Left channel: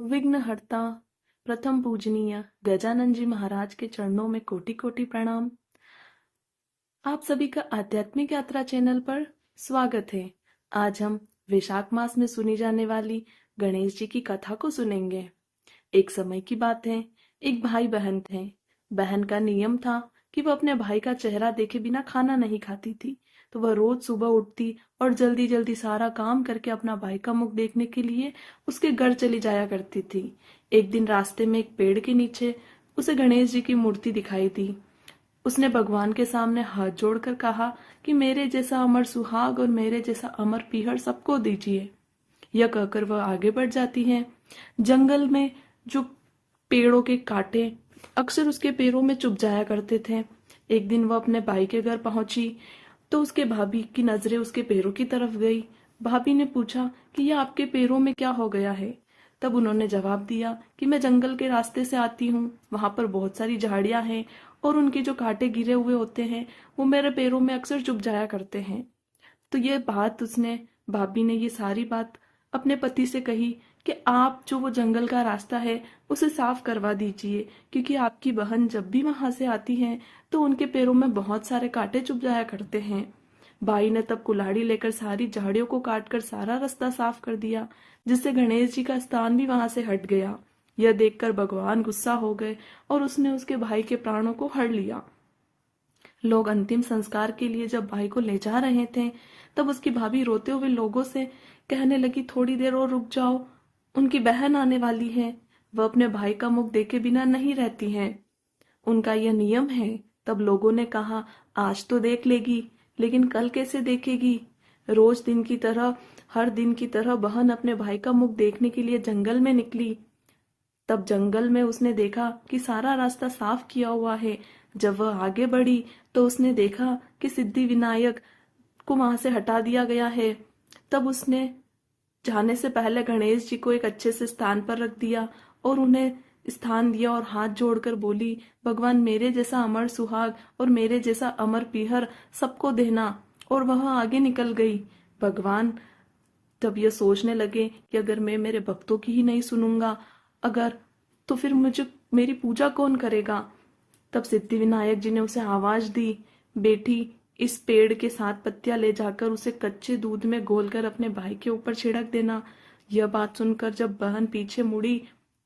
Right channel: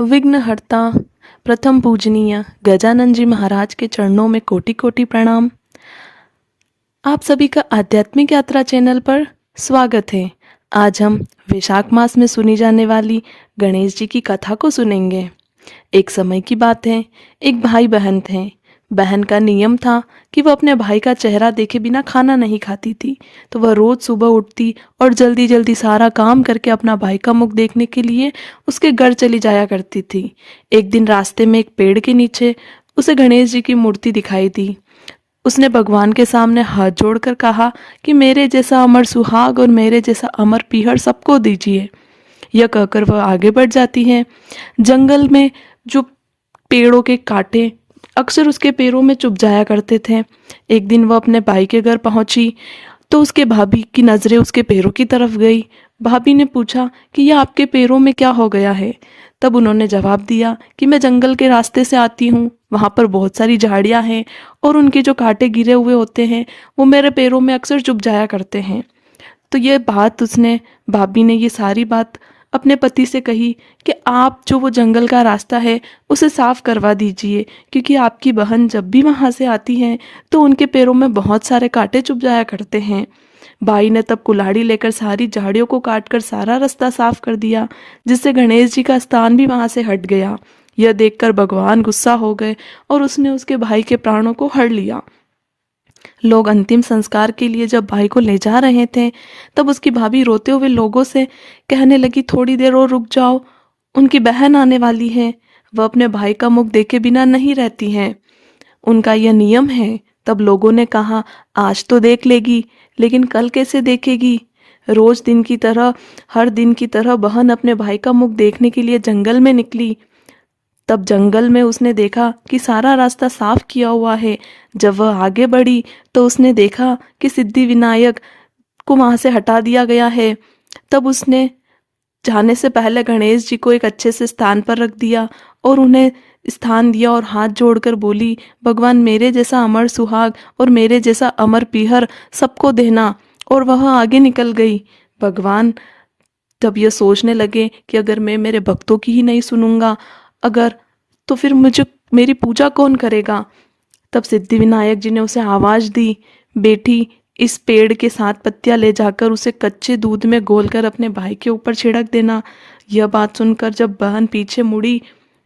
विघ्नहर्ता प्रथम पूजनीय गजानन जी महाराज के चरणों में कोटि कोटि प्रणाम। आप सभी का आध्यात्मिक यात्रा चैनल पर स्वागत है। आज हम वैशाख मास में सुनी जाने वाली गणेश जी की कथा को सुनेंगे। एक समय की बात है, एक भाई बहन थे। बहन का नियम था कि वह अपने भाई का चेहरा देखे बिना खाना नहीं खाती थी, तो वह रोज सुबह उठती और जल्दी जल्दी सारा काम करके अपना भाई का मुख देखने के लिए उसके घर चली जाया करती थी। एक दिन रास्ते में एक पेड़ के नीचे उसे गणेश जी की मूर्ति दिखाई दी। उसने भगवान के सामने हाथ जोड़कर कहा कि मेरे जैसा अमर सुहाग और मेरे जैसा अमर पीहर सबको दीजिए। यह कहकर वह आगे बढ़ जाती है। जंगल में जो पेड़ों के कांटे अक्सर उसके पैरों में चुभ जाया करते थे। एक दिन वह अपने भाई के घर पहुंची तो उसके भाभी की नजरें उसके पैरों की तरफ गई। भाभी ने पूछा कि यह आपके पैरों में क्या हो गया है। तब उन्होंने जवाब दिया कि मैं जंगल के रास्ते से आती हूँ, वहाँ पर बहुत सारी झाड़ियाँ हैं और उनके जो कांटे गिरे हुए होते हैं वो मेरे पैरों में अक्सर चुभ जाया करते हैं। तो ये बात उसने भाभी ने ये सारी बात अपने पति से कही कि आप जो वो जंगल का रास्ता है उसे साफ करवा दीजिए, क्योंकि आपकी बहन जब भी वहाँ से आती हैं तो उनके पैरों में बहुत सारे कांटे चुभ जाया करते हैं। भाई ने तब कुल्हाड़ी लेकर सारी झाड़ियों को काटकर सारा रास्ता साफ कर दिया, जिससे गणेश जी का स्थान भी वहाँ से हट गया। यह देखकर भगवान गुस्सा हो गए और उसने उसके भाई के प्राणों को हर लिया। लोग अंतिम संस्कार के लिए जब भाई को ले जा रहे थे तब उसकी भाभी रोते हुए लोगों से कहने लगी, थोड़ी देर और रुक जाओ, उनकी बहन आने वाली है, वह अपने भाई का मुख देखे बिना नहीं रहती हैं, उनका यह नियम है। तब लोगों ने कहा, आज तो देख लेगी लेकिन कल कैसे देखेगी। रोज दिन की तरह हर दिन की तरह बहन अपने भाई का मुख देखने के लिए जंगल में निकली। तब जंगल में उसने देखा कि सारा रास्ता साफ किया हुआ है। जब वह आगे बढ़ी तो उसने देखा कि सिद्धि विनायक को वहां से हटा दिया गया है। तब उसने जाने से पहले गणेश जी को एक अच्छे से स्थान पर रख दिया और उन्हें स्थान दिया और हाथ जोड़कर बोली, भगवान मेरे जैसा अमर सुहाग और मेरे जैसा अमर पीहर सबको देना। और वह आगे निकल गई। भगवान तब ये सोचने लगे कि अगर मैं मेरे भक्तों की ही नहीं सुनूंगा अगर तो फिर मुझे मेरी पूजा कौन करेगा। तब सिद्धि विनायक जी ने उसे आवाज दी, बेटी इस पेड़ के 7 पत्तियां ले जाकर उसे कच्चे दूध में घोलकर अपने भाई के ऊपर छिड़क देना। यह बात सुनकर जब बहन पीछे मुड़ी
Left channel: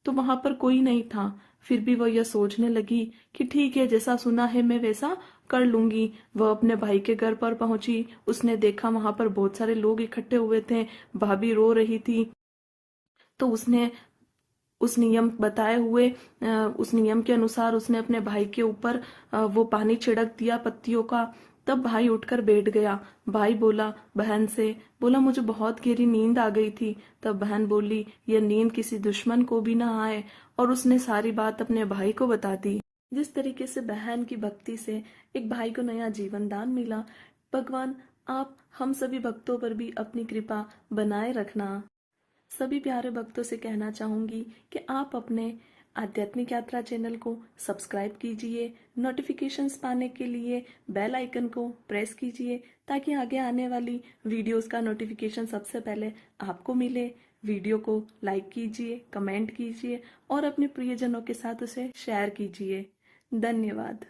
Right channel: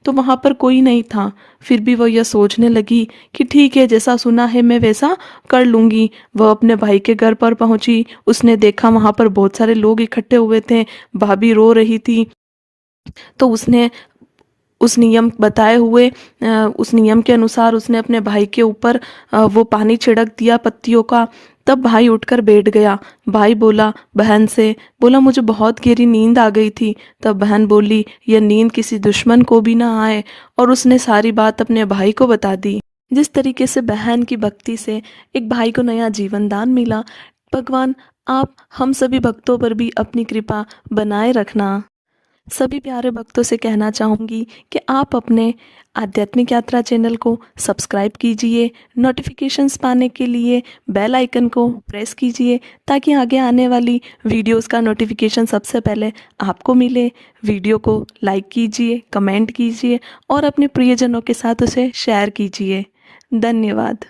तो वहां पर कोई नहीं था। फिर भी वह यह सोचने लगी कि ठीक है, जैसा सुना है मैं वैसा कर लूंगी। वह अपने भाई के घर पर पहुंची। उसने देखा वहां पर बहुत सारे लोग इकट्ठे हुए थे, भाभी रो रही थी। तो उसने उस नियम बताए हुए उस नियम के अनुसार उसने अपने भाई के ऊपर वो पानी छिड़क दिया पत्तियों का। तब भाई उठकर बैठ गया। भाई बोला बहन से, बोला मुझे बहुत गहरी नींद आ गई थी। तब बहन बोली, यह नींद किसी दुश्मन को भी ना आए। और उसने सारी बात अपने भाई को बता दी। जिस तरीके से बहन की भक्ति से एक भाई को नया जीवन दान मिला, भगवान आप हम सभी भक्तों पर भी अपनी कृपा बनाए रखना। सभी प्यारे भक्तों से कहना चाहूँगी कि आप अपने आध्यात्मिक यात्रा चैनल को सब्सक्राइब कीजिए, नोटिफिकेशंस पाने के लिए बेल आइकन को प्रेस कीजिए ताकि आगे आने वाली वीडियोस का नोटिफिकेशन सबसे पहले आपको मिले। वीडियो को लाइक कीजिए, कमेंट कीजिए और अपने प्रियजनों के साथ उसे शेयर कीजिए। धन्यवाद।